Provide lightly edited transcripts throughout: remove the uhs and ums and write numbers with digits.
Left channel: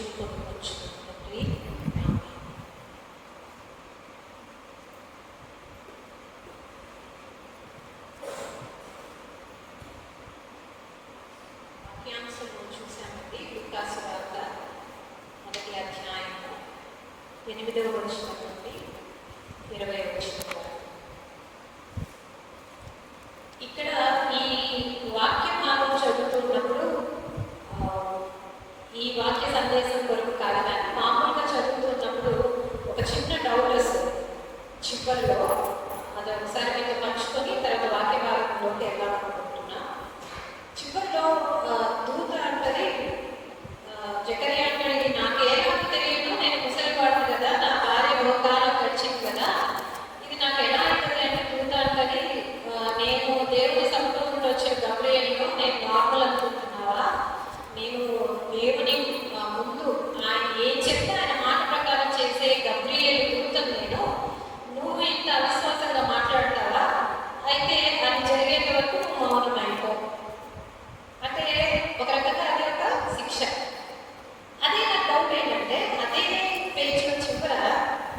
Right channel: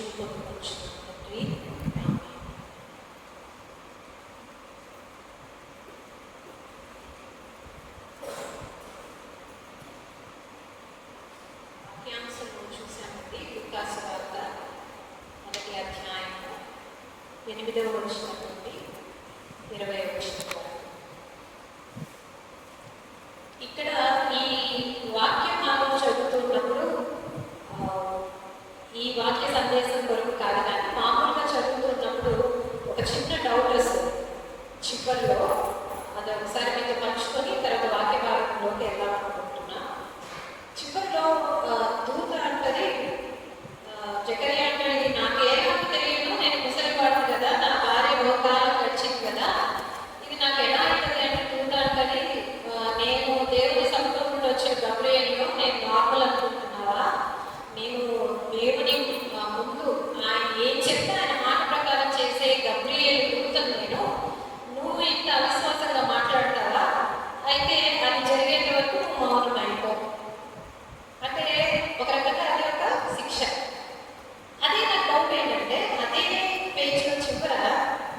దీవించును పొందుకొచ్చును తండ్రి. వాక్యాంశంలో చూసామండి. లూకా సువార్త 1వ అధ్యాయం 8వ వచనం నుండి 20వ వచనం వరకు. ఇక్కడ ఈ వాక్య భాగం చదువుతున్నప్పుడు ఈ వాక్య సందేశం కొరకు కాదు, కానీ మామూలుగా చదువుతున్నప్పుడు ఒక చిన్న డౌట్ వస్తుంది చిప్పల్లో. అది ఒకసారి మీతో పంచుకొని తర్వాత వాక్య భాగంలోకి వెళ్ళాలనుకుంటున్నా. చిప్పల్లో దూత అంటది, జకర్యా అంటది, నాకేమో తెలియదు, నేను ముసలివాడిని కదా, నా భార్య బహుకాలం గడిచింది కదా, ఇది నాకు ఎలా అవుతుంది అంటే దూత అంటది, నేను దేవుని సముద్రం నుండి వచ్చే గబ్రియేలును, నేను నార్మల్ అనుకుంటున్నావా? నేను దేవుని ముందు ఆయన ఏం చెప్తే ఆయన మాట ప్రకారం చేసే గబ్రియేలు దూతను నేను, నువ్వు ఇంత అవిశ్వాసంగా మాట్లాడతావా? అయితే అది జరిగేంత వరకు నువ్వు మౌనం అయిపో. అంటే ఒక రకంగా అదే ఒక శిక్ష. అదే నా డౌట్ ఏంటంటే, అదే పేజ్లో చివర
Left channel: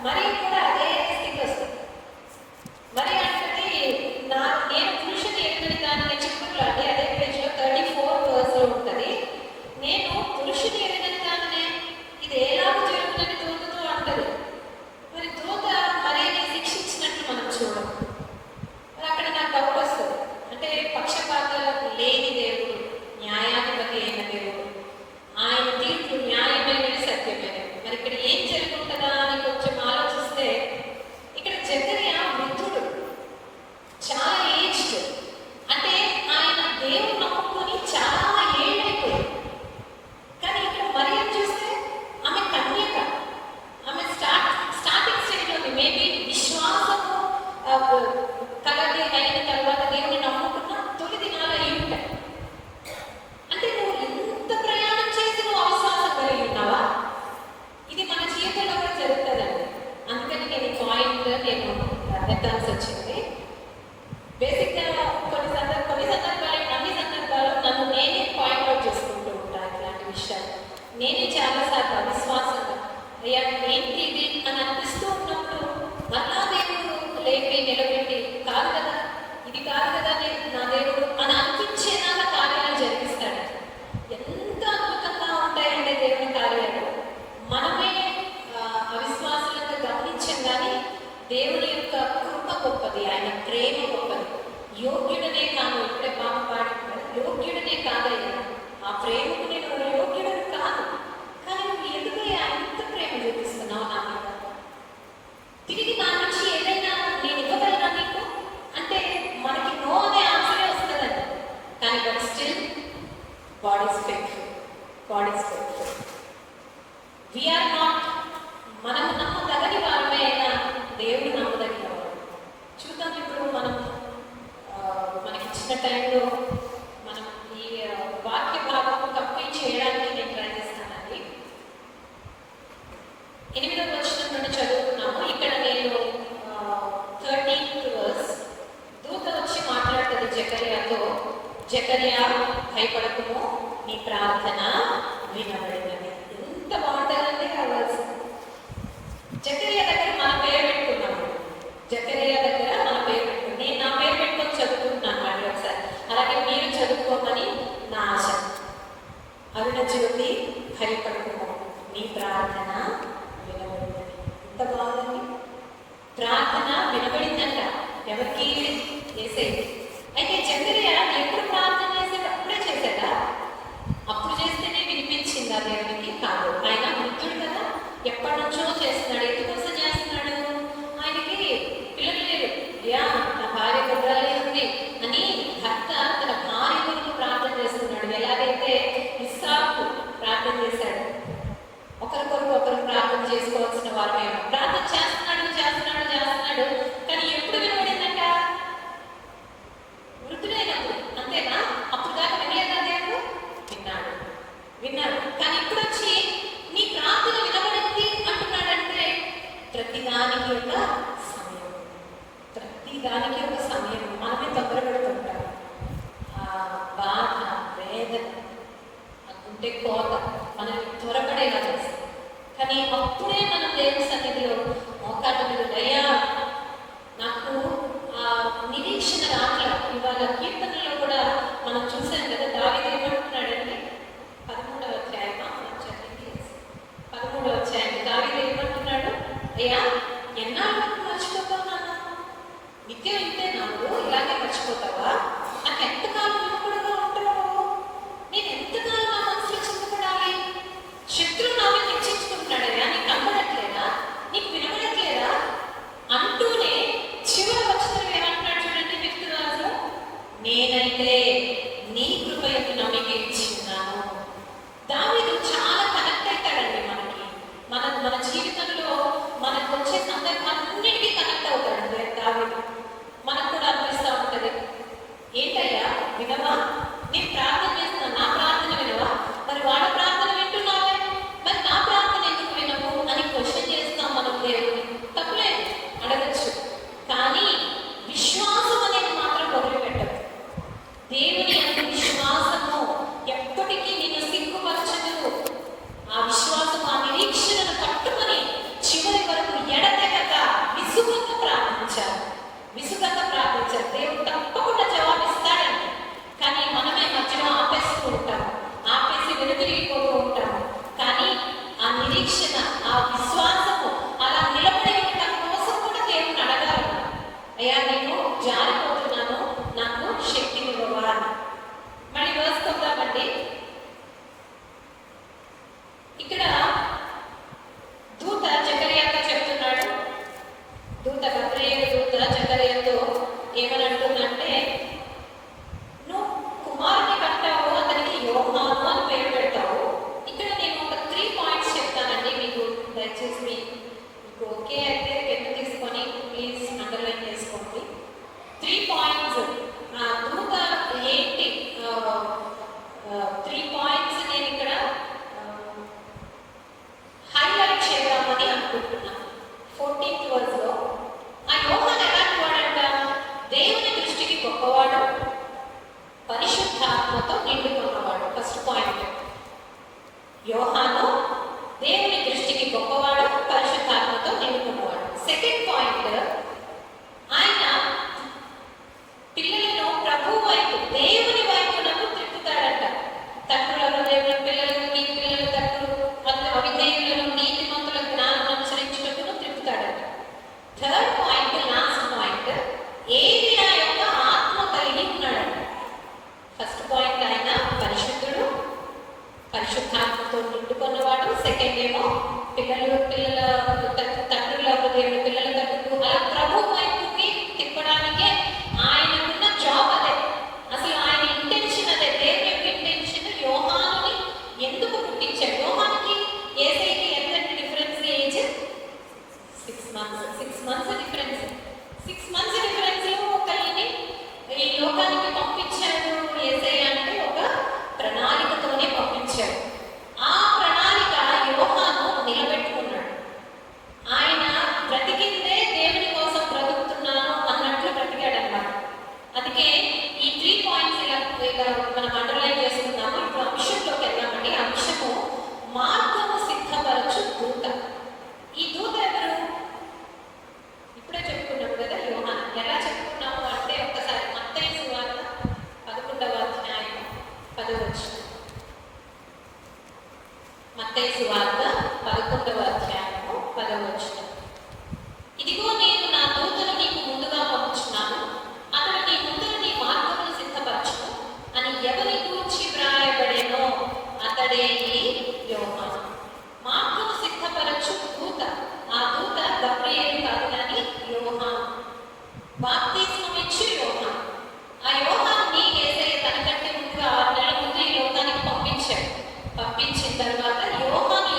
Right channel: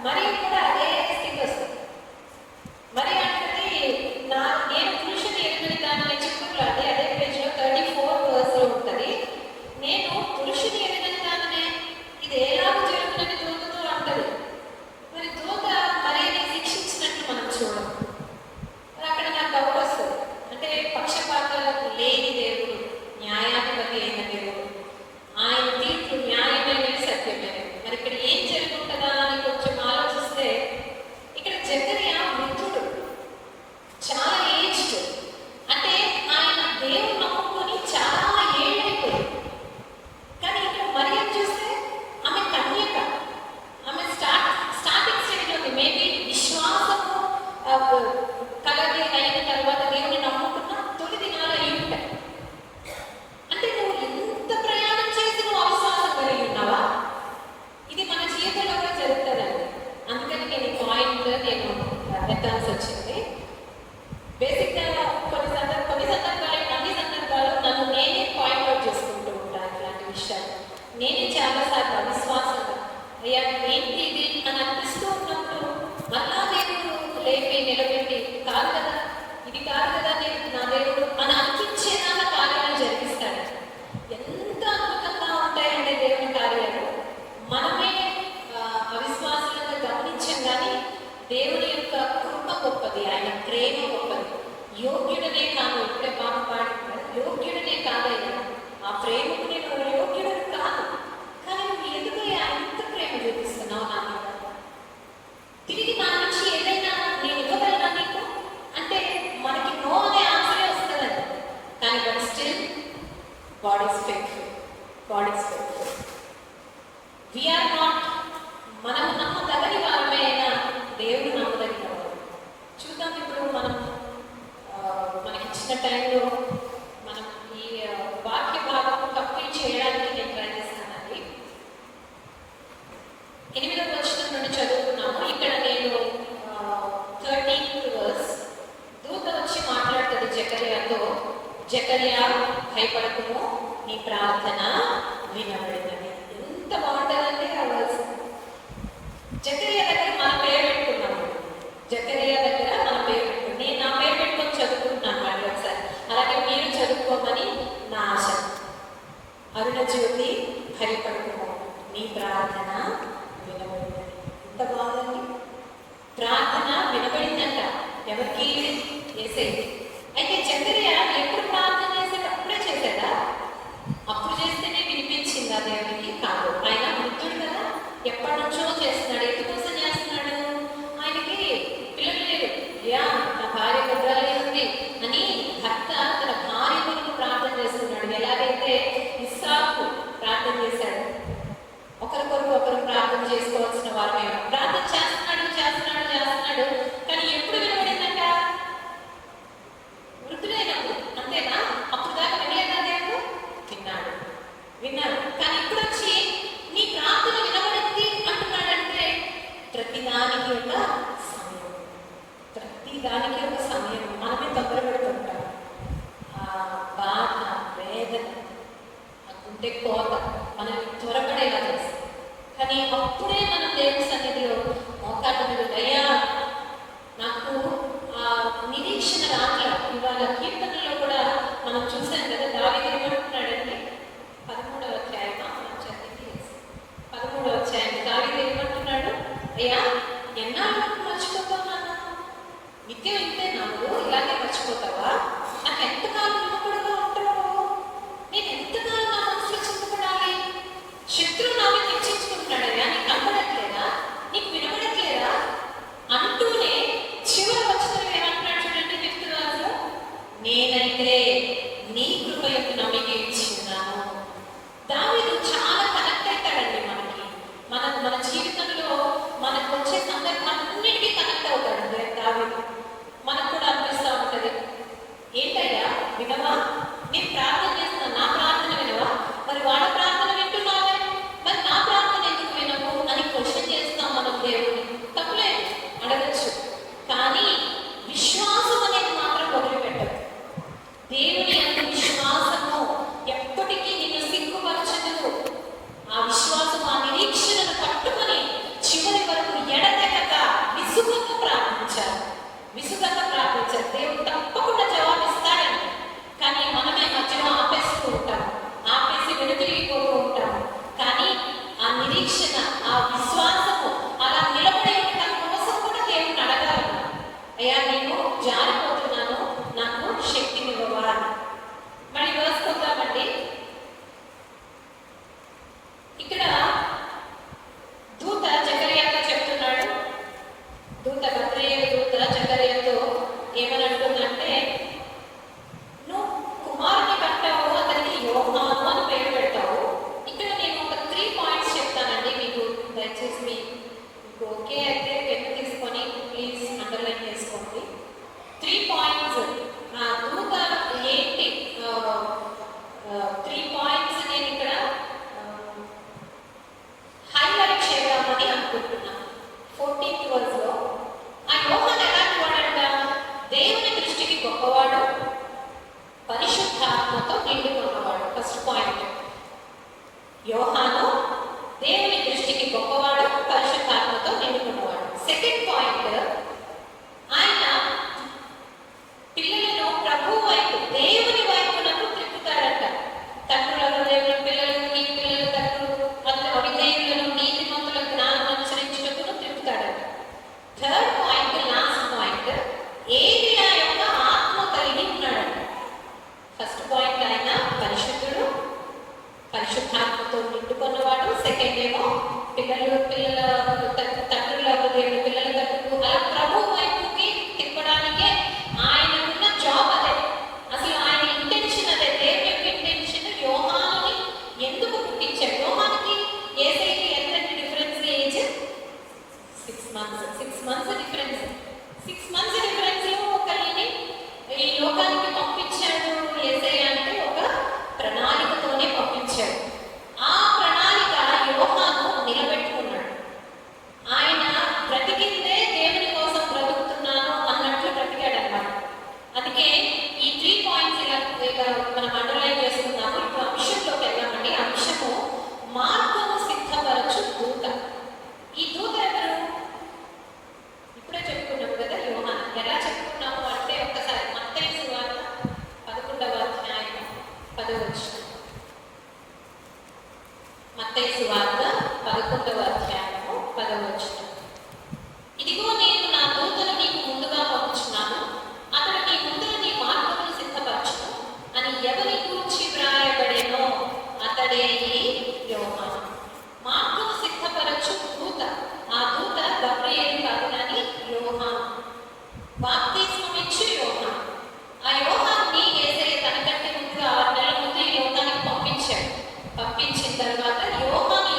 మరి కూడా అదే స్థితి వస్తుంది. మరి అంటే నేను పురుషుని ఎక్కడి దాన్ని చిక్కులు అంటే అదే పేజ్లో 34 వర్స్లో ఉంటుంది. నేను పురుషుని ఎరిగిన దానినే ఇది ఎలాగో జరుగుతుందని దూతతో అంటది. మరి దూత మరి శిక్షించినట్టు మనం చూడం. అక్కడ నాకు డౌట్ వస్తుంది. అంటే పక్షపాతాలకు లేని దేవుడు, న్యాయాధిపతి అయిన దేవుడు, ఆయన తీర్పు న్యాయమైనది, సత్యమైనది. మరి ఇక్కడ ఏం జరుగుతుందా అని కొంచెం ఆలోచిస్తే, ఇక్కడ జకర్యా వృద్ధుడు, చాలా ఏజ్డ్. అంటే ఆయన దేవుడు నమ్ముకొని చాలా ఏళ్ళైపోయింది. కానీ ఇక్కడ మరియం చూస్తే ఆమె కన్యక, ఆమె స్టార్టింగ్ స్టేజ్లో ఉంది. మేబీ విశ్వాసము కలది అయిన తర్వాత దేవుని నమ్ముకున్న తొలి దినాలు అయి ఉంటాయి. అంటే నువ్వు ఎంత ప్రయాణం చేసి నువ్వు అవిశ్వాసం కలిగి ఉన్నావా? ఇది మన జీవితంలో కూడా జరుగుతుందండి. అందుకని నేను ఈ పాయింట్ నేను ఎత్తాల్సి వచ్చింది. బేసిక్గా కొన్ని సందర్భాలు అన్ని సందర్భాలు నన్ను నేనే పాయింట్ అవుట్ చేసుకుంటూ ఉంటాను. ఇలాంటి విషయాలు నేనే చాలాసార్లు అవిశ్వాసంగా అయ్యా ఏంటి ఇది అని అనిపిస్తూ ఉన్నప్పుడు మళ్ళా దేవుడు లేపి నిలబెట్టి, కాదు కదా, ఇది కాదు కదా నా దేవుడు అని అనిపించేదాకా కార్యాలు జరిపిస్తాడు. ఎంత అద్భుతంగా ఉంటాయంటే దేవుని కార్యాలు. మనమే అవిశ్వాసాలుగా గమనించాం, కానీ దేవుని యొక్క కృప గొప్పది, ఆయన ప్రేమ గొప్పది. యోగ్యుడనే కాదు, ఇప్పుడే పాట పాడి, యోగ్యుడనే కాదయ్యా, ఆ ప్రేమకు నేను యోగ్యుడని కాదు, కానీ నువ్వు ఎందుకు అంత ప్రేమ చూపిస్తున్నావు నా మీద? తిరిగి నా నుంచి ఏదైనా నేను ఇవ్వగలనా నీకు అంటే మనకి నో అనే ఆన్సరే వస్తుందండి. కానీ but still God is faithful. God is faithful. We are not, మనము నమ్మదగని వారమే అయినా దేవుడు నమ్మదగిన వారు. చూద్దాం ఇప్పుడు మనం మనకి ఇచ్చిన టైంలో మనం ఈ వాక్య భాగము కంప్లీట్ చేయడానికి నేను ట్రై చేస్తానండి. 8వ వచనం నుండి చదువుకున్నాము. ఇక్కడ నేను 13th వర్స్, దూత వచ్చి మాట్లాడుతుంది జకర్యాతో, జకర్యా భయపడకుము, నీ ప్రార్థన వినబడినది. ఎంత బాగుంటుందండి ఆ వర్స్. జకర్యా దగ్గర మన పేరు పెట్టుకున్నాము. జకర్యా దగ్గర మన పేరు పెట్టుకున్నాం. నేను నా పేరు పెట్టుకొని చదువుకుంటున్నాను అండి ఒకసారి. అలాగే మీరు చదువుకోమని నా ఆశ. అరుణ జ్యోతి భయపడకుము, నీ ప్రార్థన వినబడింది. ఎంత బాగుందండి. ప్రార్థన వినబడిందంట. ఎవరికి? యేసయ్యకి. అయితే జకర్యా ఎప్పుడు ప్రార్థన చేశాడు? అప్పుడే చేశాడా? అప్పుడు చేస్తేనే వినిపించిందా దేవునికి? కాదు. ఆయన వృద్ధుడు కదా, ఎప్పటి నుంచో చేస్తున్నాడు. ఎందుకోసం చేస్తున్నాడు? ఆయనకి పిల్లలు లేదు. యా నా భార్య గొడ్రాలి ఉంది అని భర్త తన భార్య కొరకు ప్రార్థన చేస్తున్నాడు. ఎలాగైతే ఇస్సాకు ప్రార్థన చేశాడు, ఒకరి కొరకు ఒకరు ప్రార్థన చేసుకోవాల్సిన వారమే. ప్రార్థన చేస్తున్నాడు చేస్తున్నాడు చేస్తున్నాడు, కానీ ఎప్పుడు వినబడిందంట? వృద్ధులైనప్పుడు. అంతేనా? అప్పుడు దాకా వినలేదా దేవుడు? విన్నాడు. కానీ ఇప్పుడు వచ్చి నీ ప్రార్థన వినబడింది అంటున్నాడంటే ప్రతిదానికి ఒక సమయం, ప్రతిదానికి ఒక సమయం. మనమే దగ్గర పెడుతుంటాం. బాధ, వేదన, ఆ గుండె కోత మనల్ని త్వరపడేలా చేస్తాం. ఇక్కడ దూత జకర్యాతో చెప్తున్నాడు. దూత గబ్రియేలు దూత జకర్యాతో ఏమని అంటుందంటే, నువ్వు కుమారుని కంటావు, అతనికి యోహాను అని పేరు పెడతావు. ఇక్కడ నేను ఒక 3 పాయింట్స్ చెప్తానండి మీకు. దయచేసి మీకు ఓకే అయితే పెన్ను తీసుకొని ప్లీజ్ అండర్లైన్ చేసుకోండి. 3 పాయింట్స్. ఆ దూత ఏంటి, 3 పాయింట్స్ నేను ఇక్కడ హైలైట్ చేద్దామని అనుకుంటున్నాను. 14th వర్స్లో ఆ యోహాను ఎలాంటి వాడంట? దేవుని దృష్టికి గొప్పవాడు, పరిశుద్ధాత్మతో నిండుకున్నవాడు. ఫస్ట్ పాయింట్, యోహాను దేవుని దృష్టికి గొప్పవాడు, పరిశుద్ధాత్మతో నిండుకున్నవాడు. సెకండ్ పాయింట్, ఆయన పిల్లలను ప్రభు వైపు, దేవుని వైపునకు తిప్పుతాడంట. తండ్రుల హృదయంలో పిల్లలను, నీ పిల్లల తండ్రులు అవిధేయులను, నీతిమంతుల జ్ఞానం అనుసరించుటకును తిప్పుతాడంట. థర్డ్ పాయింట్, లాస్ట్ పాయింట్, ఏలియా యొక్క ఆత్మ కలిగి ఉన్నాడంట. ఫస్ట్ పాయింట్, ఆయన పరిశుద్ధుడు, పరిశుద్ధాత్మతో నిండుకున్నవాడు. సెకండ్ ఏమో పిల్లల తండ్రుల హృదయం, పిల్లల తండ్రులు అలా ప్రభు వైపుకి తిప్పడానికే ఆయనకున్న జాబ్ అదే. అసలు ఆయన ఇంటెన్షన్ అదే. దేవుని యొక్క ఇంటెన్షన్ యోహానుని ఎందుకు పుట్టించాడు? యోహానుకి యేసయ్యకి ఎంత difference age? 6 months difference. 6 months difference లో ఒకరిని ఈ లోకానికి పంపించాడు యేసయ్య అంటే ఒక ప్రణాళికతోనే పంపించాడు. ఆ ప్రణాళిక యోహాను నిలబెట్టుకున్నాడు. ఆయన బ్రతికిందే దేవుని కోసం బ్రతుకుతున్నాను అన్నట్లు బ్రతికాడన్నమాట. అందుకే ఈ 3 పాయింట్స్ ఇలా మనం అండర్లైన్ చేసుకున్నాము. ఇప్పుడు అంశంలోకి వెళ్ళామండి. అంశము మార్గము సిద్ధపరచు దూత. ఈ దూత ఎవరు? ఇప్పుడే చెప్పుకున్నాం కదా యోహాను. ఎలా చెప్పుకున్నాము అంటే ఒక్కసారి మత్తయి సువార్త 11వ అధ్యాయం 10వ వచనం. మత్తయి సువార్త 11వ అధ్యాయము 10వ వచనం. ఇదిగో నేను నా దూతను నీకు ముందుగా పంపుచున్నాను, అతడు నీ ముందర నీ మార్గమును సిద్ధపరచును అని ఎవరి గూర్చి వ్రాయబడెనో అతడే ఈ యోహాను. మార్గము సిద్ధపరచు దూత. ఆ దూత గబ్రియేలు కాదు కానీ యోహాను. బాప్తిస్మం ఇచ్చి యోహాను. ఆ యోహానుని యేసయ్య తనకంటే ముందుగా 6 నెలల ముందు ఈ లోకానికి పంపించాడు. పంపించిన తర్వాత యోహాను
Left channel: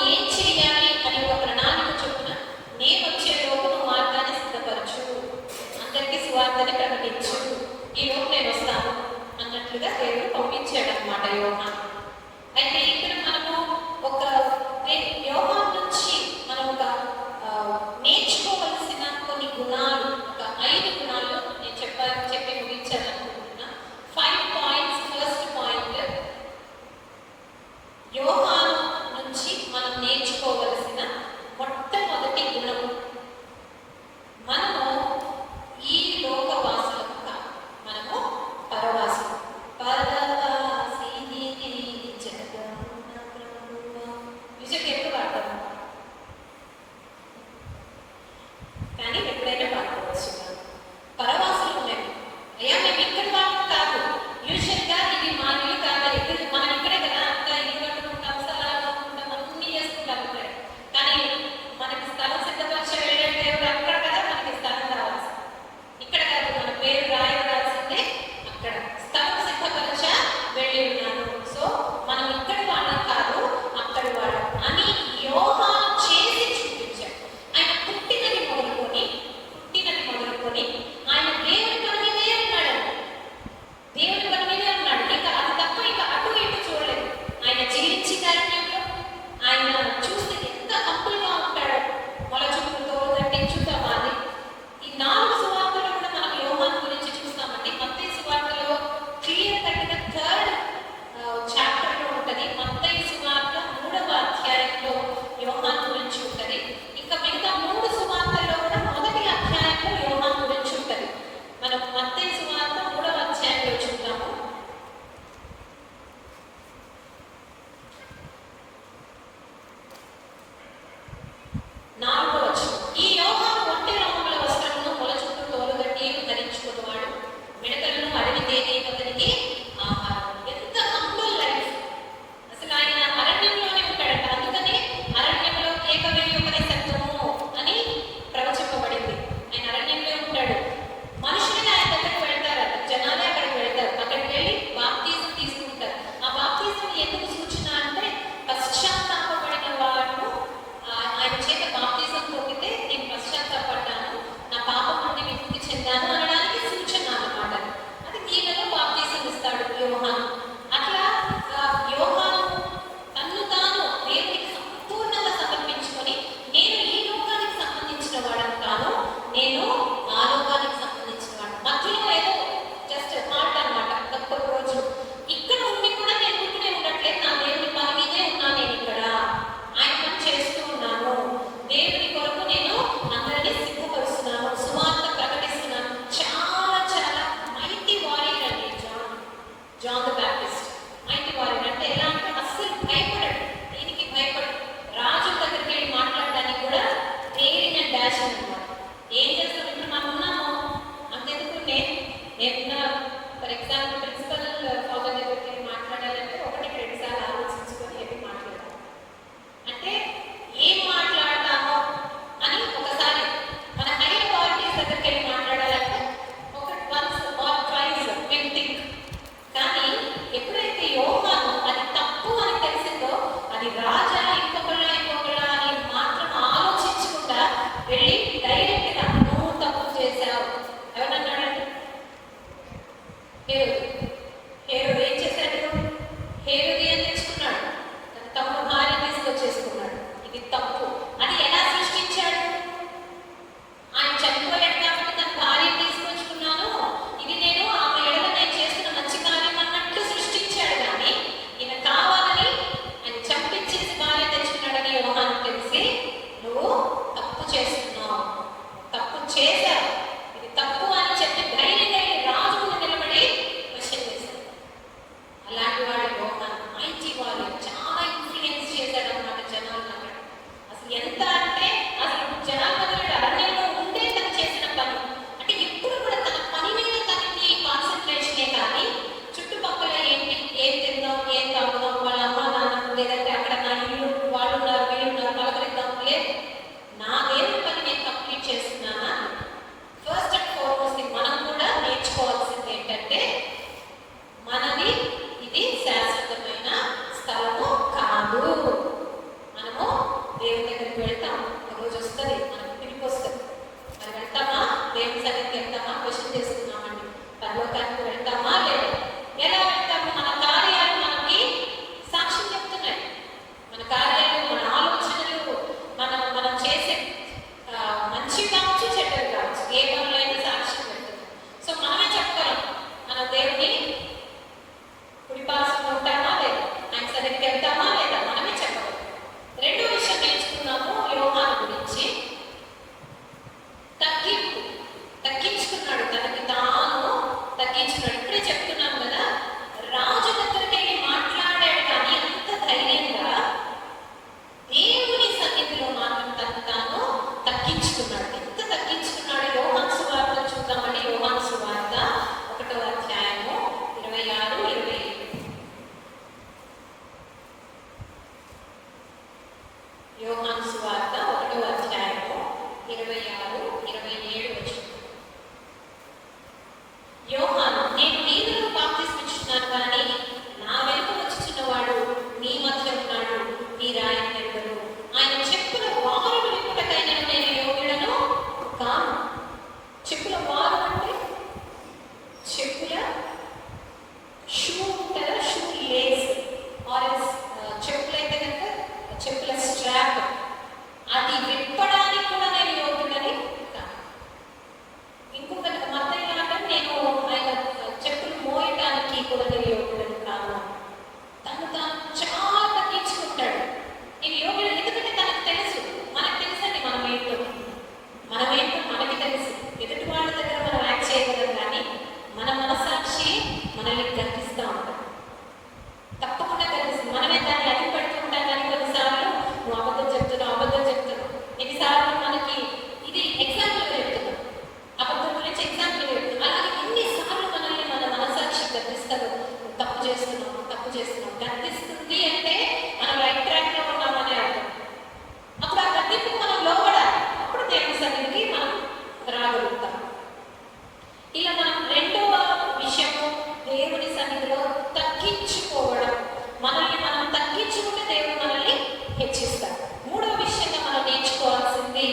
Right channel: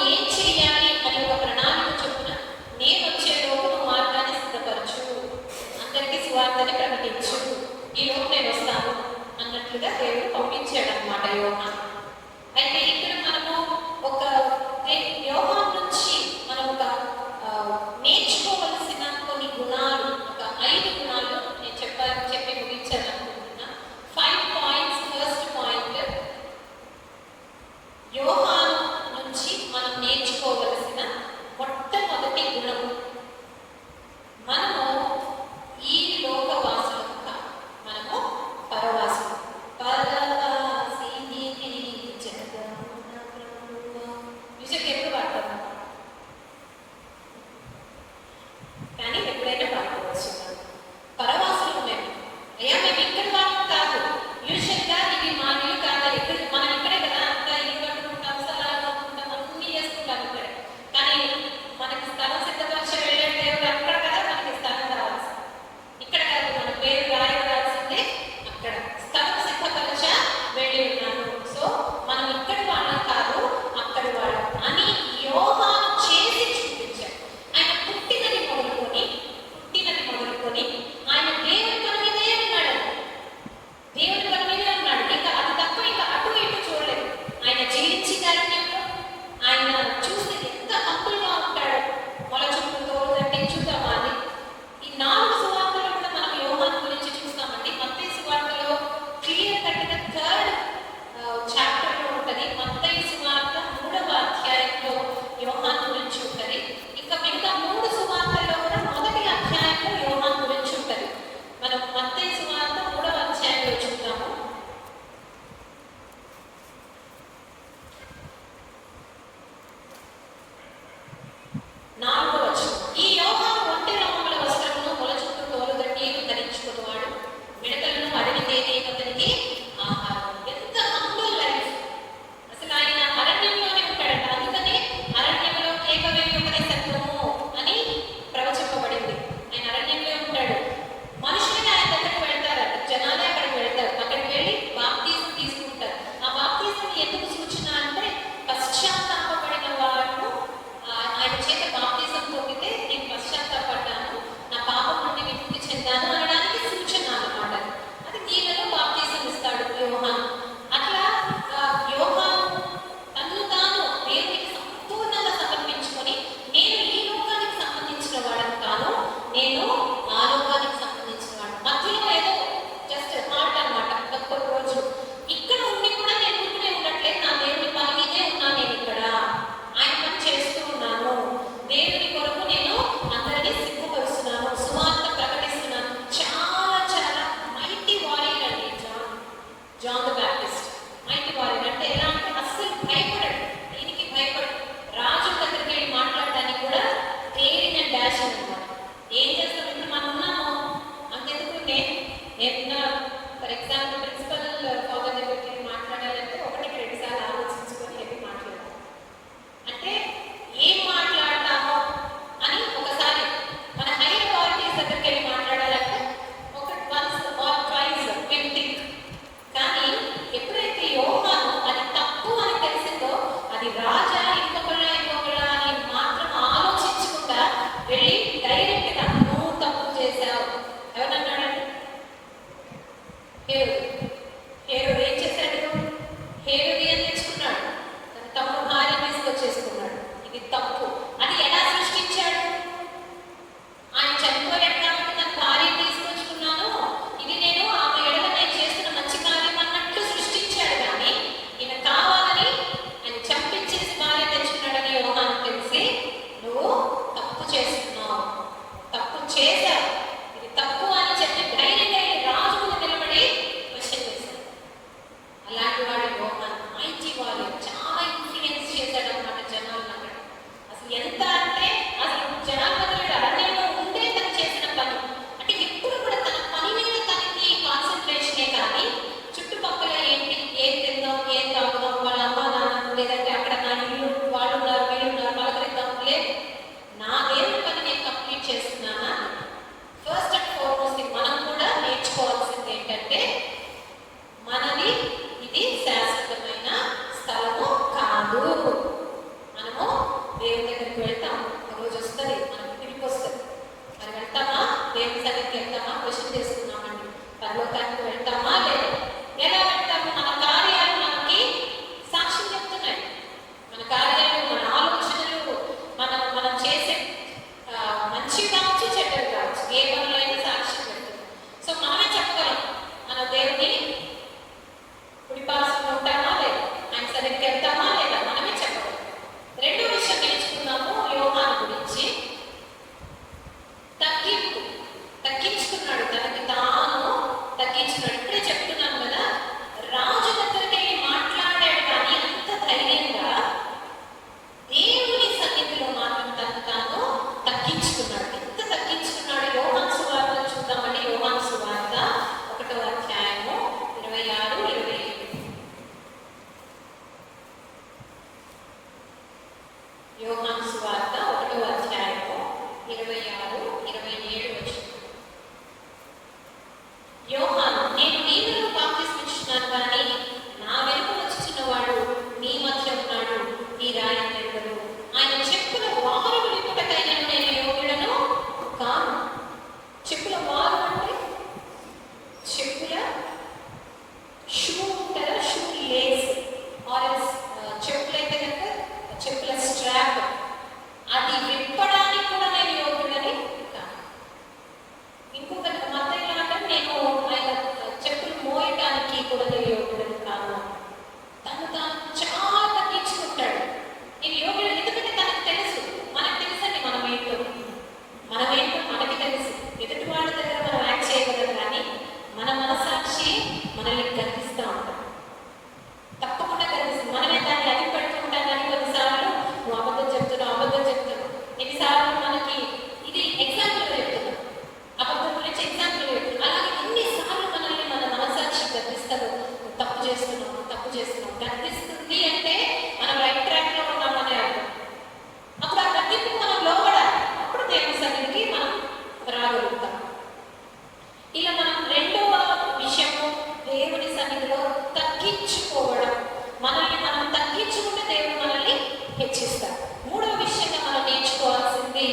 హెచ్చిస్తారు. మూడవ విషయంగా మనం నేర్చుకోవాల్సింది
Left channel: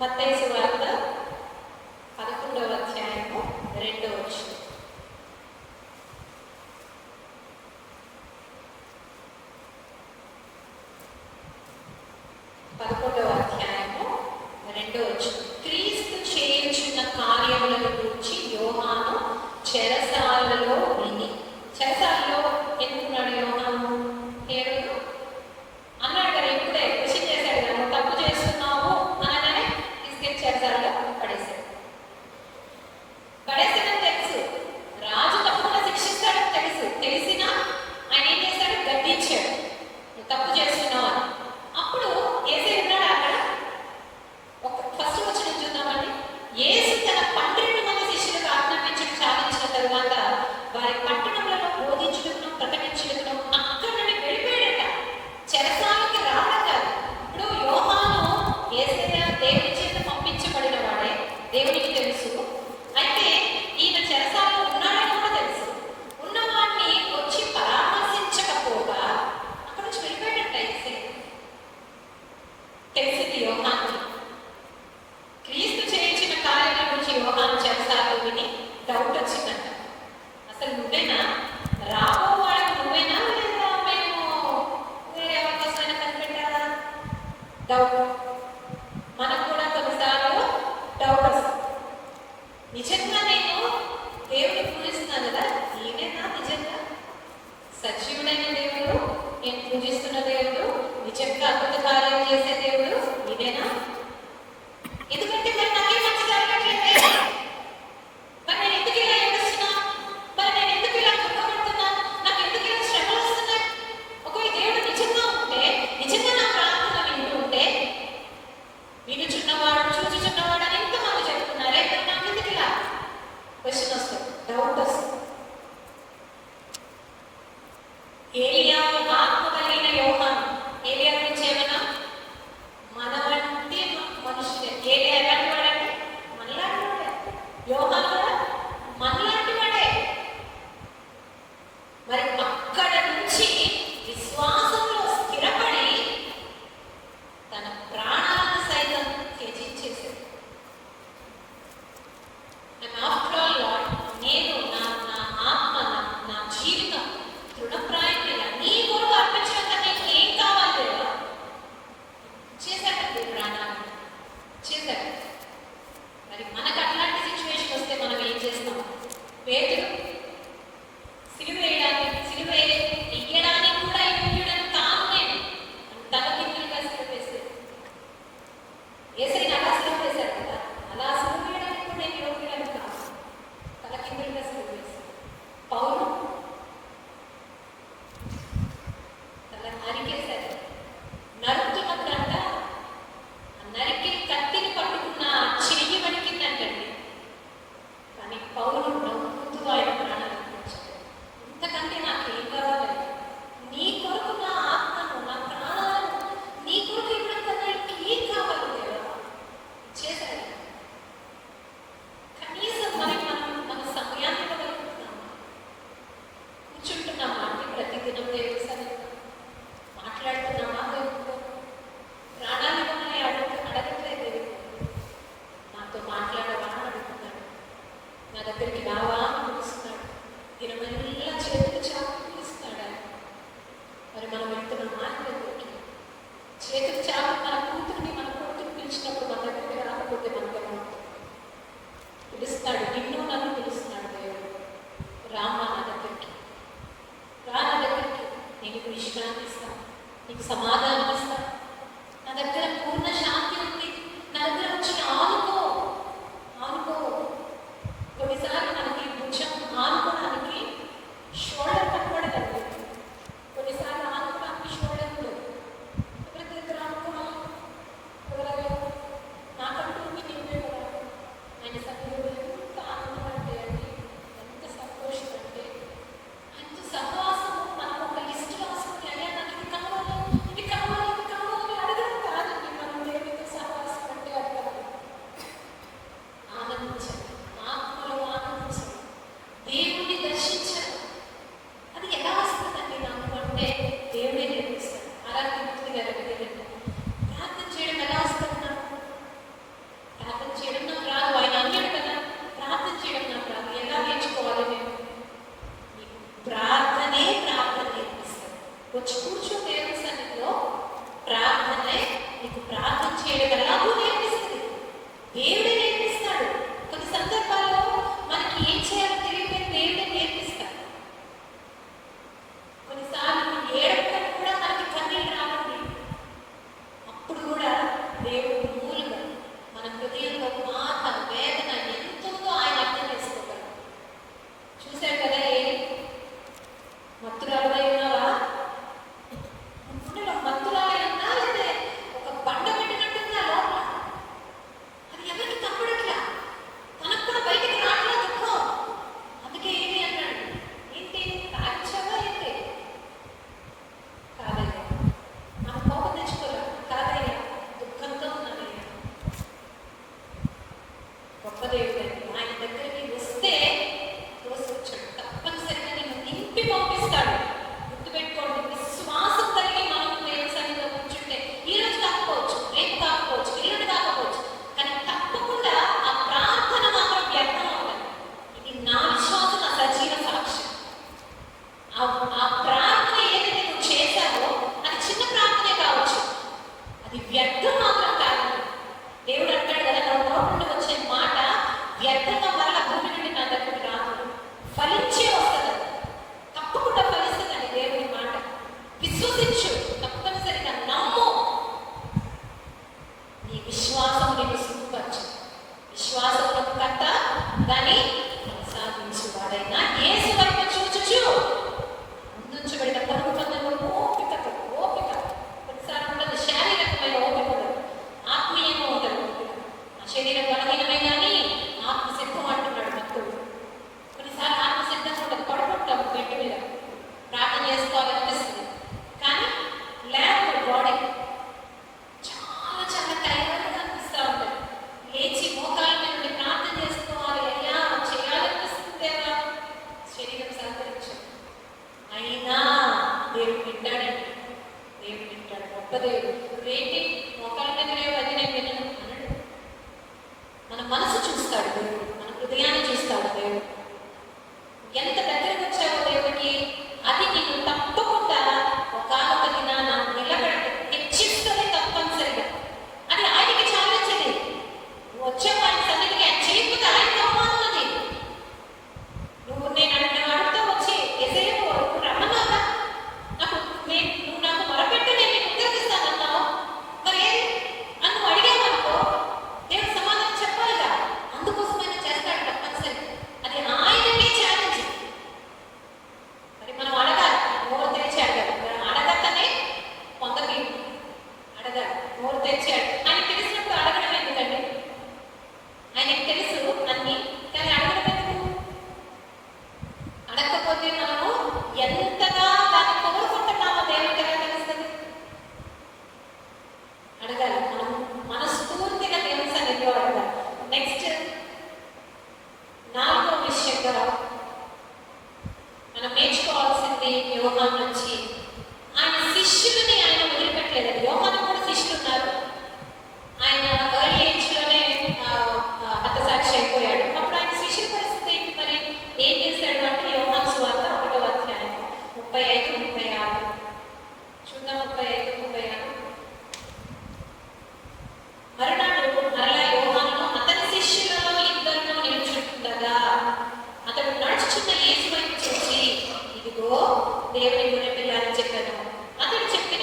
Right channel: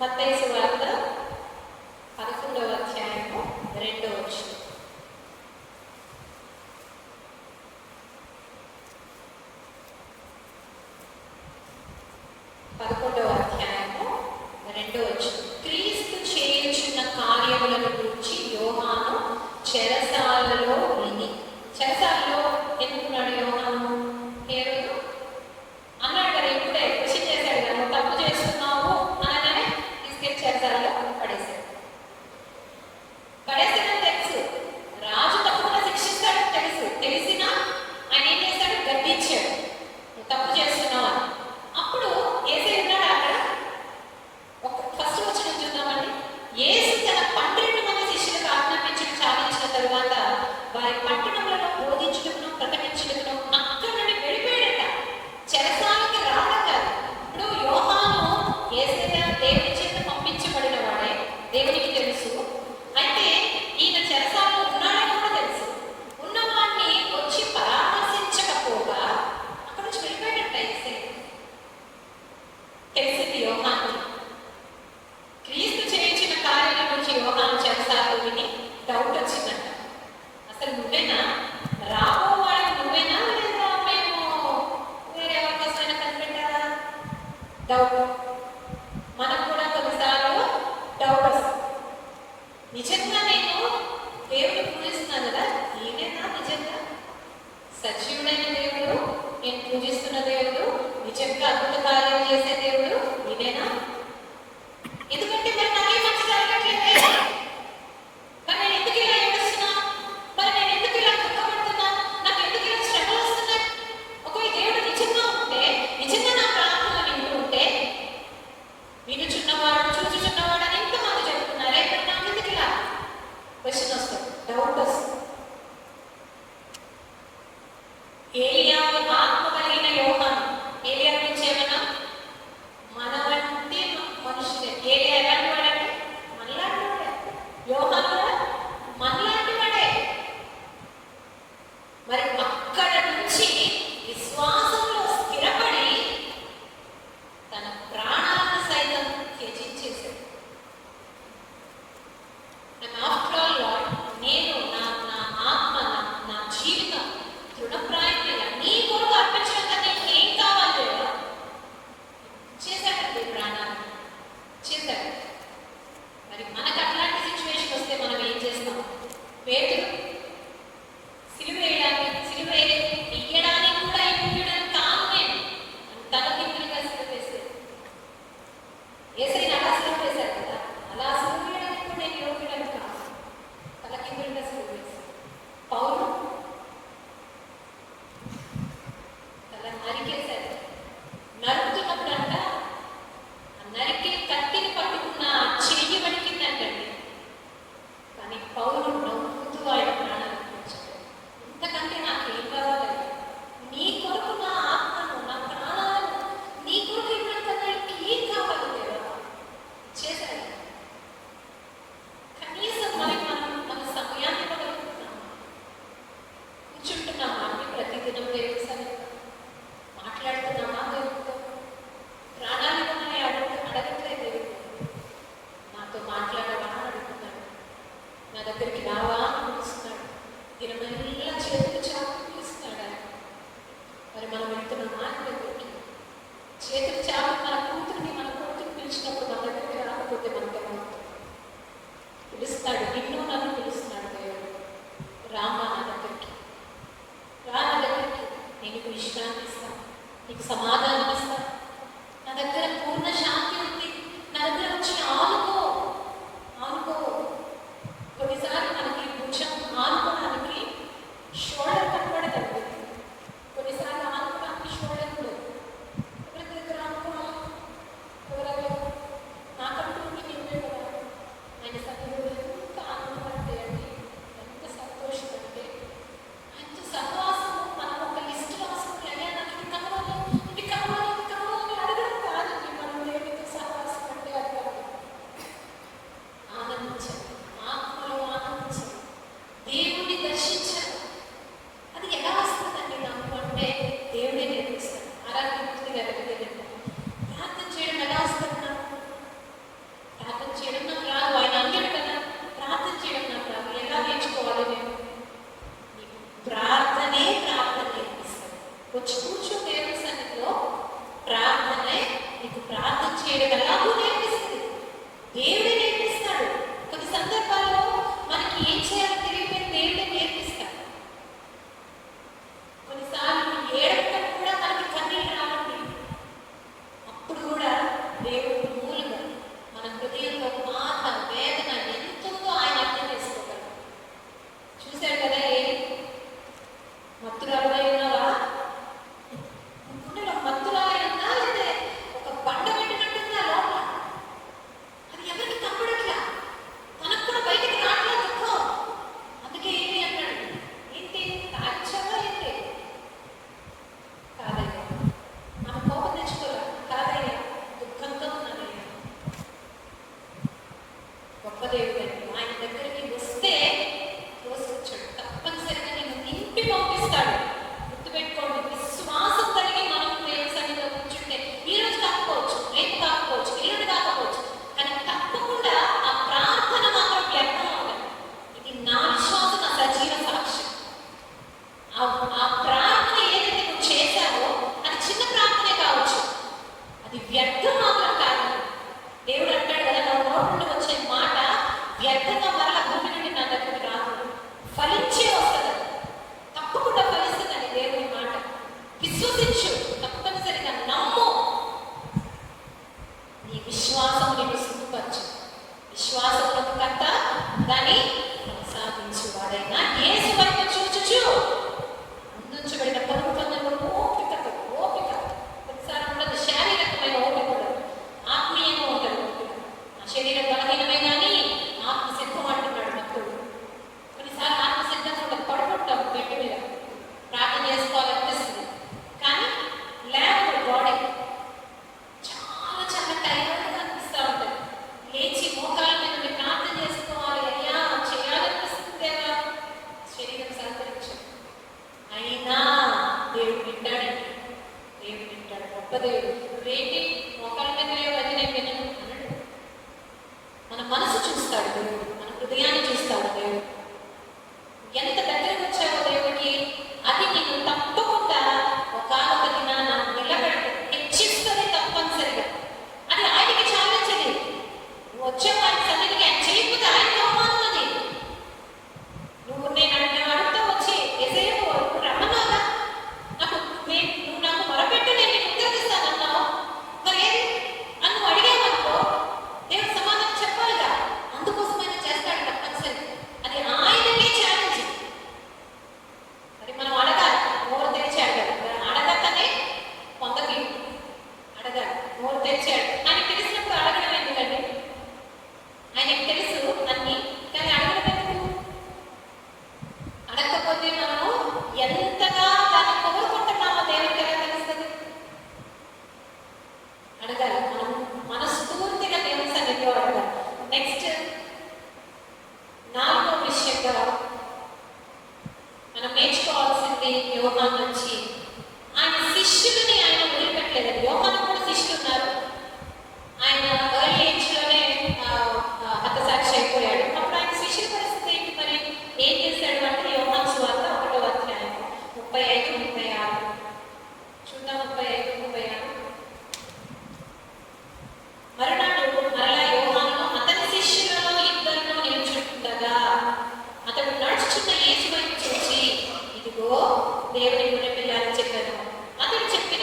మత్తయి సువార్త 11వ అధ్యాయము 2వ వచనం. క్రీస్తు చేయుచున్న కార్యములను గురించి యోహాను చెరసాలలో విని, చెరసాలలో ఎందుకున్నాడు యోహాను? హేరోదు అన్నాడు కదా, ఇప్పుడే క్వశ్చన్ చేశాడు కదా, తప్పు చేస్తున్నావు అనగానే తీసుకెళ్ళి చెరసాలలో పడేశాడు. పడేసాడని తెలుసు, రాజు తప్పకుండా శిక్షిస్తాడని తెలుసు, తెలిసినా ఆయన ఏం చేశాడు? గద్దించాడు, తప్పు చేస్తున్నావు అని. అప్పుడు ఏసై ఉన్నాడు అక్కడ. ఫస్ట్ వచ్చిన చూద్దామండి. యేసు తన 12 మంది శిష్యులకు ఆజ్ఞాపించడం సాధించిన తరువాత వారి పట్టణంలో బోధించడం, ప్రకటించడం, అక్కడి నుండి వెళ్ళిపోయాడట. చెరసాలకి రావడం కాదు. ఇప్పుడు యోహాను యేసయ్య దేవుని చేత పంపించబడిన వాడే, దేవునికి తెలుసు. అయితే ఈయన చెరసాలలో ఉన్నాడని కూడా తెలుసు. ఉన్నవాడిని వచ్చి పరామర్శించకపోగా అక్కడ నుంచి వెళ్ళిపోయాడట యేసయ్య. తెలిసింది యోహానుకి. క్రీస్తు చేయించిన కార్యాల గురించి యోహాను చెరసాలలో విని డౌట్ వచ్చిందంట. అసలు నువ్వేనా? రాబో వాళ్ళకి నువ్వేనా, లేదా మేము వేరే అవకాశమైనా కనిపెట్టారా? డౌట్. మనకు కూడా కొన్నిసార్లు డౌట్ వస్తుంది. నిజంగా నేను దేవుడిని పూజిస్తున్నాను కదా, ఈయనేనా నిజంగా సజీవుడైన దేవుడు, నేను పూజిస్తున్న దేవుడు, నిజంగా అద్భుత కార్యాలు చేసే దేవుడు ఇదేనా? ఎందుకంటే మరి నాకేం మంచి జరగట్లేదు, మరి నేను ఎందుకు ఇలా ఏడుస్తున్నా, మరి నేను ఎందుకు ఇలా దుఃఖపడుతున్నా, నాకు ఎందుకు ఇలా శ్రమలు వస్తున్నాయి? ఒకవేళ దేవుడు నిజంగా ఉంటే, నిజంగా నా ప్రార్థన వింటుంటే, వినుచున్నవాడు చూచుచున్నవాడు అని ఎంతమంది చెప్తున్నారే, మరి నాకు ఎందుకు ఇలా క్వశ్చన్ వస్తుంది, డౌట్ వస్తుంది. ఏలియా ఆత్మ కలిగిన యోహాను, ఏలియా గురించి ఏమైనా మన వంటి మనుషులే. ఏలియా ఎలాంటి వాడంటే మనలాంటి వాడే, యోహాను కూడా మనలాంటి వాడే. మరి అక్కడ నుంచి విశ్వాసంలో స్థిరపడి తన ప్రాణాలను సైతం త్యజించేశాడు. ఆఫ్టర్ ఆల్ లార్డ్, నేను నా ఆత్మ, నా జీవితం తృణప్రాయంగా నీ కొరకు అర్పించడం కన్నా ఏం కావాలి లేదా చేశాడు. ప్రాణాలు చేశాడు. మరి మనకు అట్లాంటి సిచ్యువేషన్ వస్తే మనం ఏం చేస్తాం? పేతురు సిలువ వేయడానికి కూడా యోగ్యుడని కాను నేను, తన కిందలుగా సిలువ వేసేది. యేసయ్యని అలా సిలువ వేశారు కదా, అలా సిలువ వేయడానికి కూడా నేను యోగ్యుడని కాను, తన కిందలుగా సిలువ వేశాడు. పౌలు తల నరికేశారు. నరుకుతున్నప్పుడు అంట నరికి కత్తిని పట్టుకున్న చెయ్యి వణికిందంటండి. కానీ పౌలు నవ్వుతూ ఆయన ప్రాణాలు అర్పించాడు. ఇంతకంటే నాకు ఏం కావాలి? నీ కొరకు నా ఆత్మను, నా ప్రాణాలను నీ కొరకు ఇవ్వడం కన్నా ఇంకేం కావాలి లేదా చేశాడు. కనీసం మనకి మన సమయాన్ని ఇవ్వగలుగుతున్నాం, కూర్చుంటున్నామా అంటే ప్రతిదినం దేవుడి సన్నిధిలో మాట్లాడుతున్నామా దేవుడితో? ప్రాణాన్ని మనల్ని అడగట్లేదు దేవుడు, నాతో మాట్లాడమా అడుగుతున్నాడు, నా దగ్గరికి రావా అని పిలుస్తున్నాడు, దినమల్లా చేతులు చాపు పిలుస్తున్నాడు ఆయన. మరి మనం వెళ్తున్నామా ఆయన దగ్గరికి? చేతులు చాపు మన కూతుర్ని, మన కూతురు పిలిచినప్పుడు మన దగ్గరికి రాకపోతే మనతో పిలుస్తాడు. నిన్ను నన్ను పిలుస్తున్నాడు దేవుడు, రామా నా దగ్గరికి, రా నా దగ్గరికి, నీకు విశ్రాంతి ఇస్తాను, నీకు సమాధానం ఇస్తాను, నా దగ్గర పూర్ణ శాంతి ఉంది, నా దగ్గర వచ్చి ఆనుకో. కొన్నిసార్లు మనకి కొంచెం ఆనుకోవడానికి షోల్డర్ కనపడదు, కొన్నిసార్లు ఆనుకోవడానికి షోల్డర్ ఉండదు. ఎవరి దగ్గర ఆనుకోవాలి? ఎవరో నాకంటూ నింపే కదా ఆయన సభ్యులు. ఎంత ఆనందం అంటే అండి, ఎంత సంతోషం అంటే, ఎంత సహవాసం. మనం ఒక లిస్ట్ రాసుకుని, అయ్యా నాకు ఇది కావాలి, ఇది విశ్వసించు, తప్పనిసరిగా నమ్ము. నీ విశ్వాసం నీకు సిగ్గుపరచు. విశ్వాసమునకు కర్త దాన్ని కొనసాగించువాడైనా యేసు వైపు చూచుచు ముందుంచబడిన పలుకుతున్నప్పుడు ఓపిక కొన్నిసార్లు ఉండదు. శారీరకమైన ఓపిక, ఆత్మీయంగా ఉండదు. శరీర బలహీనమే కానీ ఆత్మ సిద్ధం అంటున్నాడు భక్తుడు. కొన్నిసార్లు ఆత్మ సిద్ధంగా ఉండదు, పడుకుంటాం బెడ్ మీద, ప్రార్థన చేసుకోవాలనిపిస్తుంది కానీ లేకపోతే బాడీ చాలా చాలా టైర్డ్గా అనిపిస్తూ ఉంటుంది. లేచి మోకాళ్ళ మీద నుండి ప్రార్థన చేసుకోవాలి, అయ్యా చేయాలనిపిస్తుందేమో, శరీరం సహకరించదు. అయినా దేవుడు వింటాడండి, దేవుడు వింటాడు. గొప్ప దేవుడు. ఏంటి మోకాళ్ళ మీద లేవు, అది నేను వినను అన్నాడు. మన మనసు చూస్తాడు దేవుడు, మన హృదయాన్ని చూస్తాడు దేవుడు. ఎంత దగ్గరకు వచ్చావో దేవుడికి అది నీకు తప్పకుండా ఒక దినాన నిలబడి హెచ్చిస్తుంది తప్పనిసరిగా. అది ఆయనకి ఛాలెంజ్. నువ్వు వచ్చావు ఆయన సన్నిధికి, ఆయన చేయకపోతే ఆయనకు అవమానం. అది నువ్వు నేను అడుగుతూ వచ్చి ఎసేపు రమ్మన్నావా, నువ్వు నాకు మొరపెట్టి నేను నీకు ఉద్యోగిస్తానన్నావు, మరి అని నువ్వు అడిగావనుకో దేవుడు సమాధానం చెప్పాలిగా. అందుకోసమైనా చేస్తాడు తప్పనిసరి. అది ఆయనకే ఛాలెంజ్. మరి మనం అడగాలి, నోరు తెరిచి అడగాలి. అడగకనే కొందరికి అడగాలి, నోరు తెరిచాడు. ఆయనకు తెలిసినప్పుడు అడగడం ఎందుకంటే ఆయనకు తెలుసు అన్ని, కానీ అడగడం ఎందుకు? అడగకపోతే మనము ఎంతగా దాన్ని కోరుకుంటున్నామో దేవుడికి ఎలా తెలుస్తుంది? అడగాలి, మనం మనస్ఫూర్తిగా దేవుని సన్నిధిలో అడగాలి. నెక్స్ట్ 4వ విషయంగా మనం నేర్చుకోవాల్సింది యోహాను నుంచి ఆయన శిష్యులని ఆయన వదిలిపెట్టలేదు. యోహాను కూడా శిష్యులు ఉన్నారు. ఆయన ఎర్లీ ఏజ్లోనే హతసాక్షి అయిపోయాడు. అప్పుడు ఆయన శిష్యుల పరిస్థితి ఏంటి? మరి ఏం చేశాడు అంటే యోహాను సువార్త 1వ అధ్యాయం 35, 36 చూద్దాం. 35, 36. మరునాడు మరలా యోహాను అతని శిష్యులలో ఇద్దరిలో నిల్చుండగా అతడు నడుచుచున్న యేసు వైపు చూసి, ఇదిగో దేవుని గొర్రెపిల్ల అని చెప్పాను. అతడు చెప్పిన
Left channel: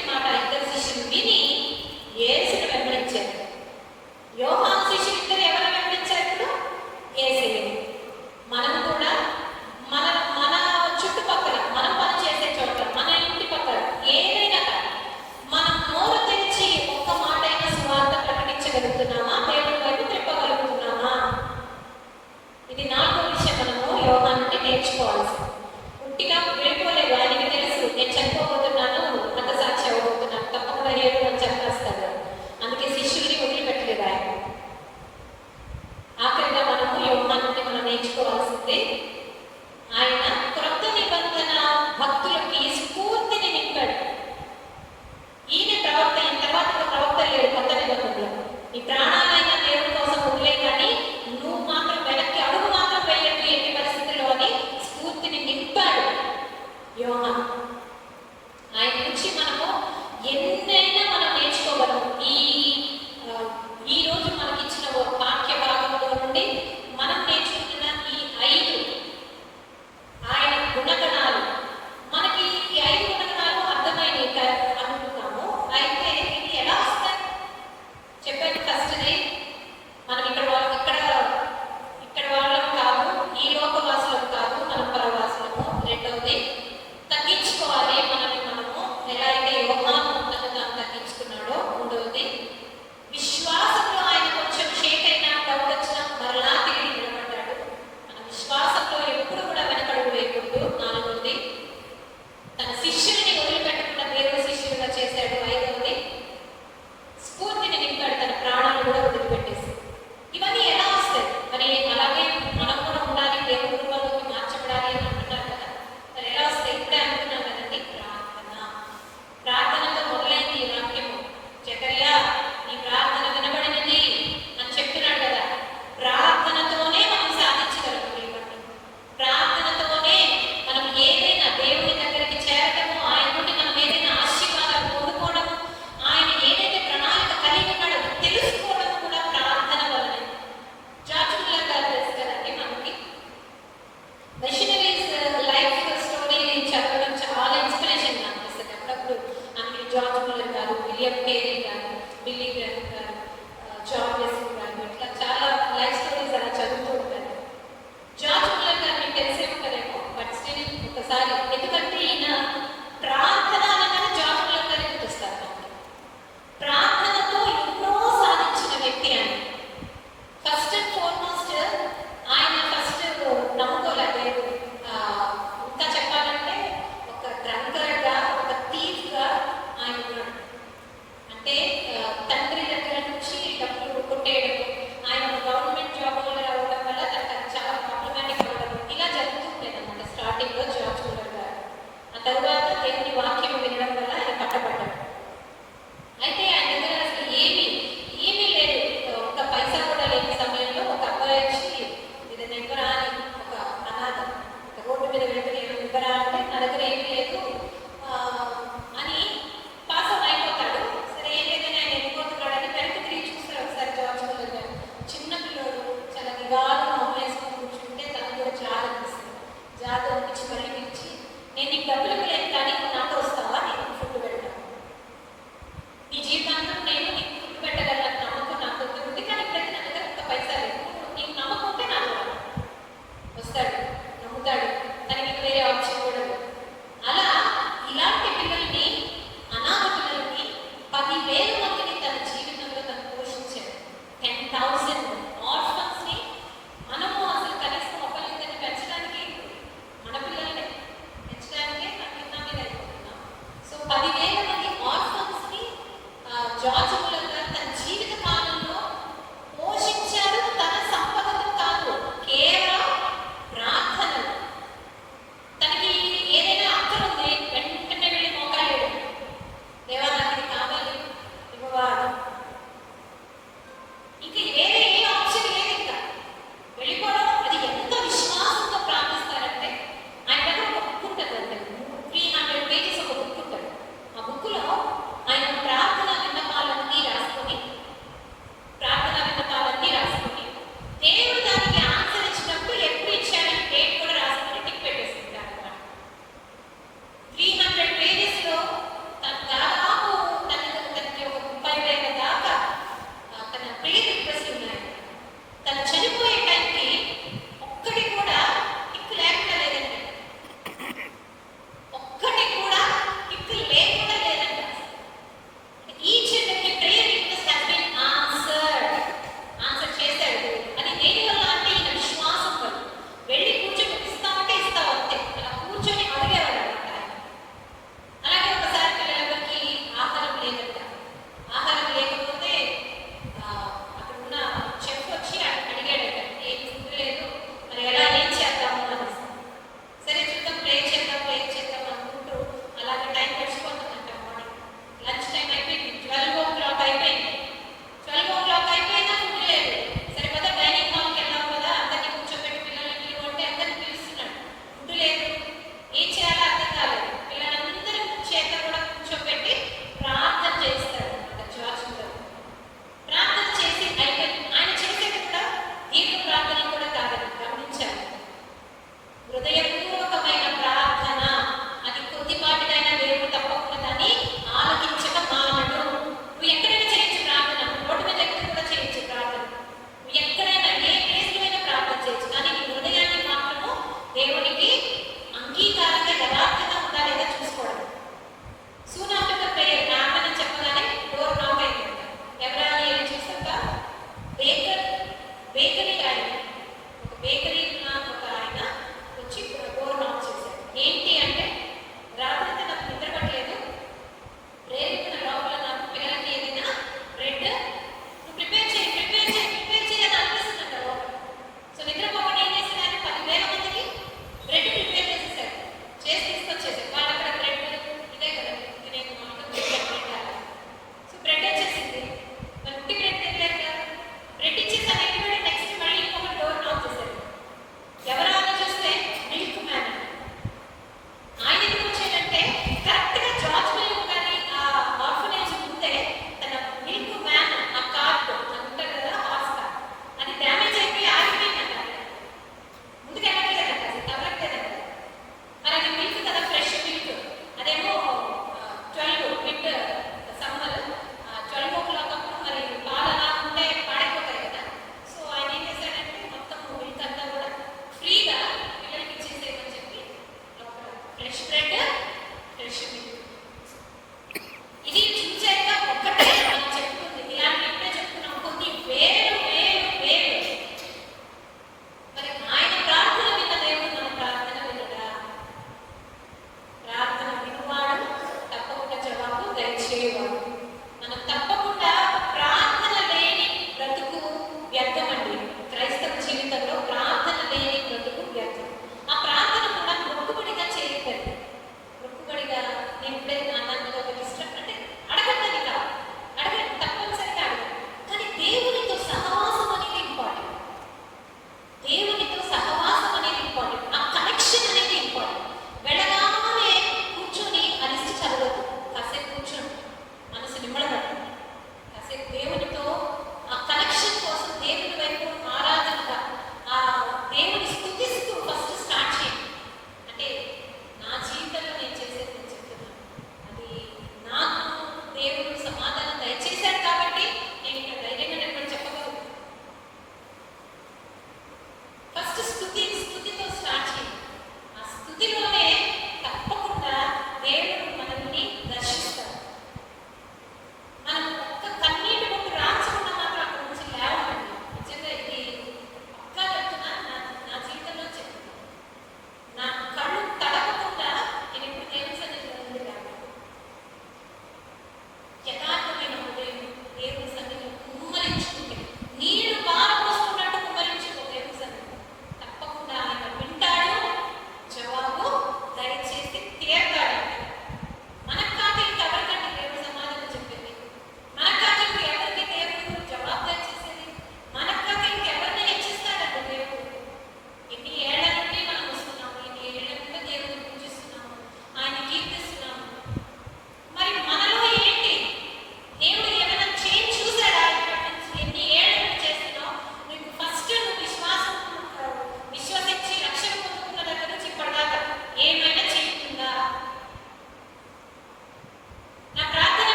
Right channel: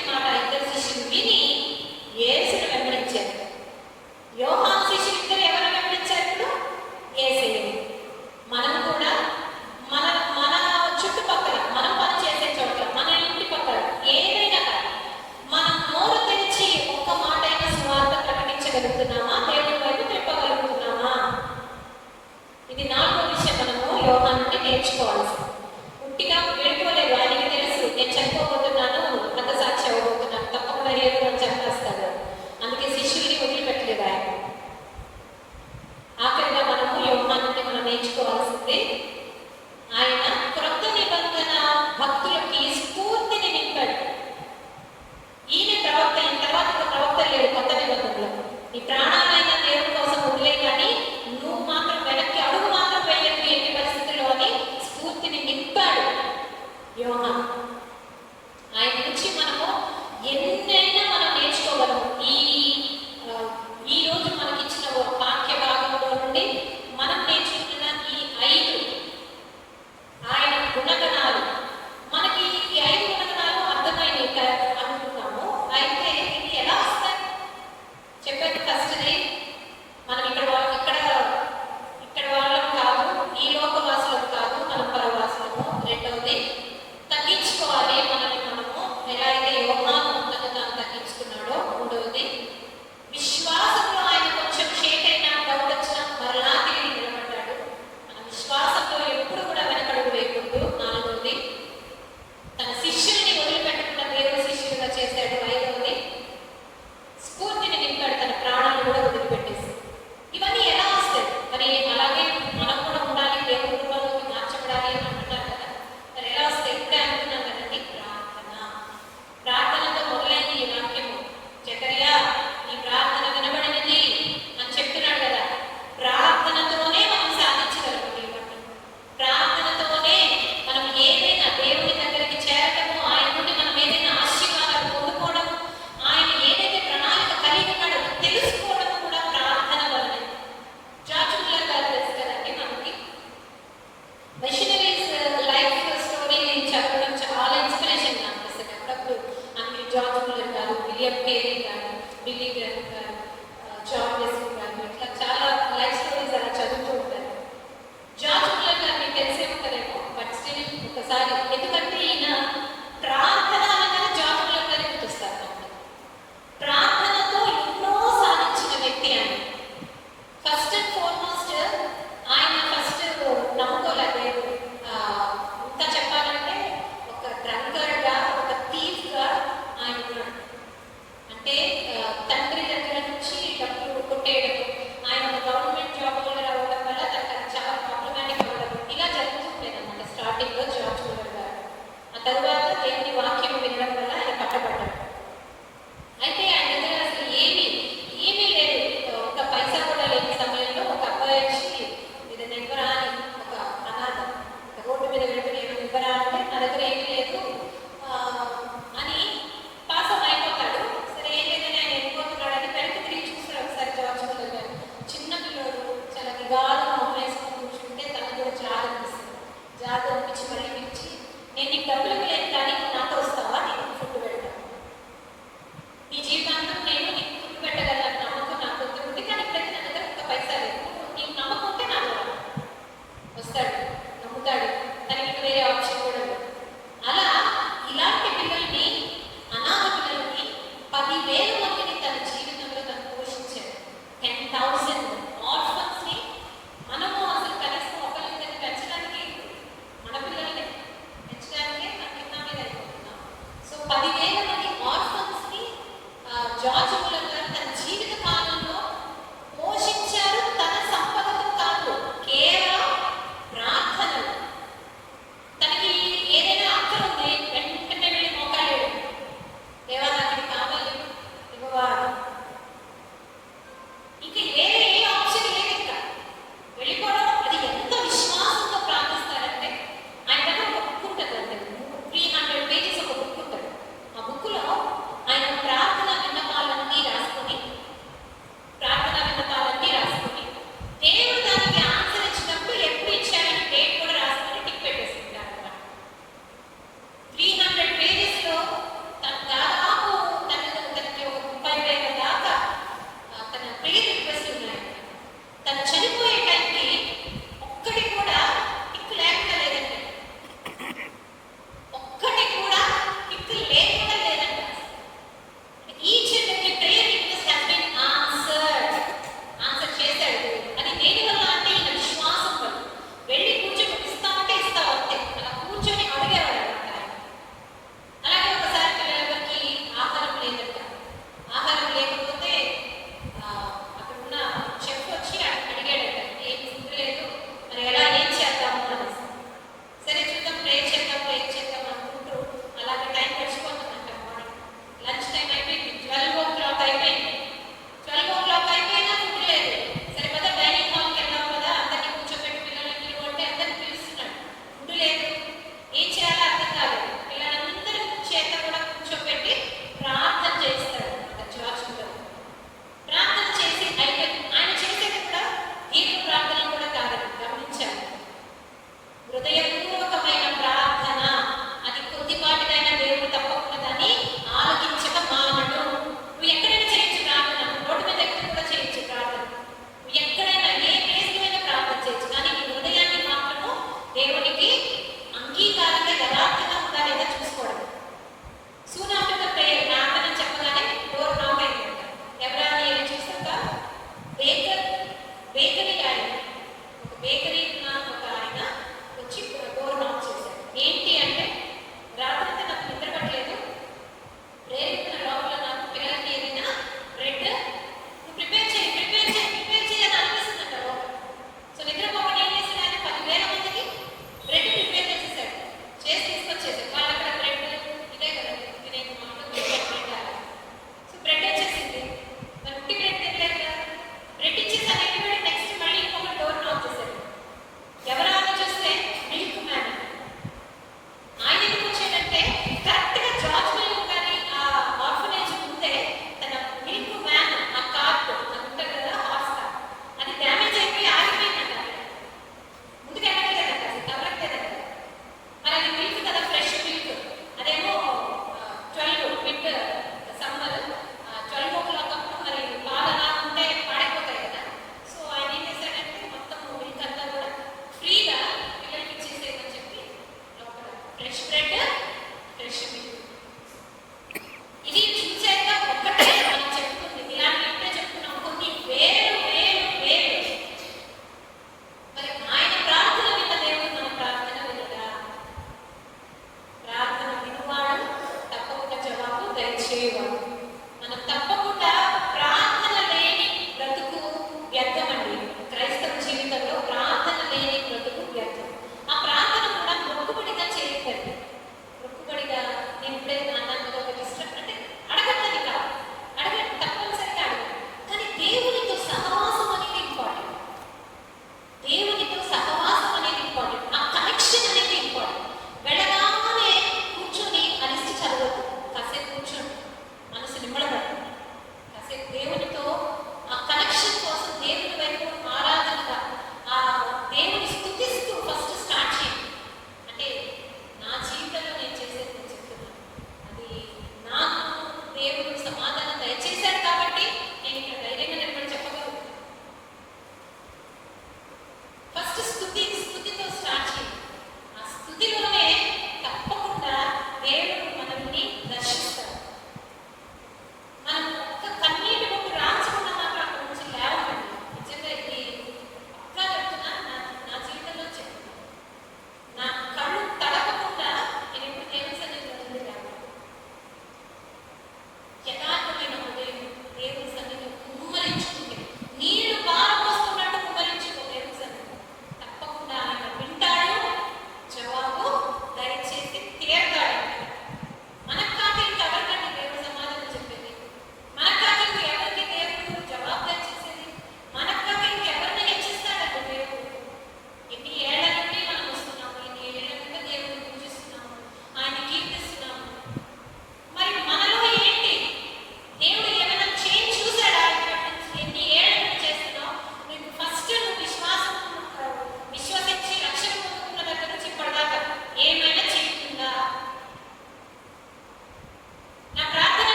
విలియం కేరీ గారు, బిల్లీ గ్రాహం గారు, జాన్ వెస్లీ గారు, ఇట్లా చాలా లైఫ్ స్టోరీస్ అలా చదువుతూ ఉంటారు. జార్జ్ ముల్లర్ గారు మీకు తెలిసే ఉంటారేమో, బట్ స్టిల్ ఒకసారి, ఎందుకంటే ఈయన ప్రార్థన అనగానే జార్జ్ ముల్లర్ గారిని గుర్తిస్తారు మనకి. ప్రార్థనతో ఎన్నో సాధించిన వ్యక్తి ఆయన. ఫస్ట్ అండ్ ఫార్మోస్ట్ ఆయన ఫస్ట్ నమ్ముకోలేదు. ఇంకా చెప్పాలంటే ఒక డ్రంకర్గా, ఒక థీఫ్గా ఆయన ఉన్నాడు. అంటే తండ్రి దగ్గర నుంచి డబ్బులు కొట్టేయడం, ఆయన ఒక గవర్నమెంట్ జాబ్ హోల్డర్ అవ్వడం వల్ల తనకు చాలా ప్రాబ్లమాటిక్ అవ్వడం, ఇలా జరుగుతుండేది అన్నమాట స్టార్టింగ్లో జార్జ్ ముల్లర్ గారు. ఆ తర్వాత దేవుని వాక్యం వినడం వల్ల ఆయన పట్టబడ్డాడు. అయితే ఆయన దగ్గర అసలు ఏమీ లేదు, ఒక పైసా కూడా లేని సమయంలో ఒక అబ్బాయి వచ్చి ఇది ఇవ్వరా అని, ఒక అనాథ రోడ్డు మీద వెళ్తున్న ఇవ్వరా అంటే నా దగ్గర ఏమీ లేదు అని పాసం అయిపోతాడు. సరే ఏదైనా ఆయన వెళ్ళిపోతున్నాడని వెనక్కి తిరిగి చూస్తారు ఒకసారి జార్జ్ ముల్లర్ గారు. చిన్న పిల్లోడు చాలా విగాలు వేసుకొని కూర్చుంటే తనకు కూడా జాలి అనిపిస్తుంది. జాలి అనిపించి మళ్ళీ ఇచ్చి, నేను నీకు డబ్బులు ఇవ్వలేను కానీ నువ్వు నాతో వస్తావా, నేను ఫుడ్ పెడతాను, ఈ జీవితాంతం నేను నీకు ఫుడ్ పెట్టగలను నమ్మకం నాకు ఉంది, కానీ ఇప్పటికీ నా దగ్గర ఇంత పైసా లేదు, నీకు నమ్మకం ఉంటే నాకు వస్తాడు, నమ్ముతాడు, తనకి వేరే ఆప్షన్ కూడా లేదు. అలా ఇలాంటి పిల్లల్ని, అనాథ పిల్లల్ని 10,000 మందిని తన జీవితంలో తను పోషించాడు. 10,000 ఆర్ఫన్స్ని. మనము అసలు కనీసం ఒకరిద్దరిని పెంచడానికి, మన పిల్లల్ని పెంచడానికే మన కింద మీద అయిపోతున్నాం. సో 10,000 మంది ఆర్ఫన్స్ని జార్జ్ ముల్లర్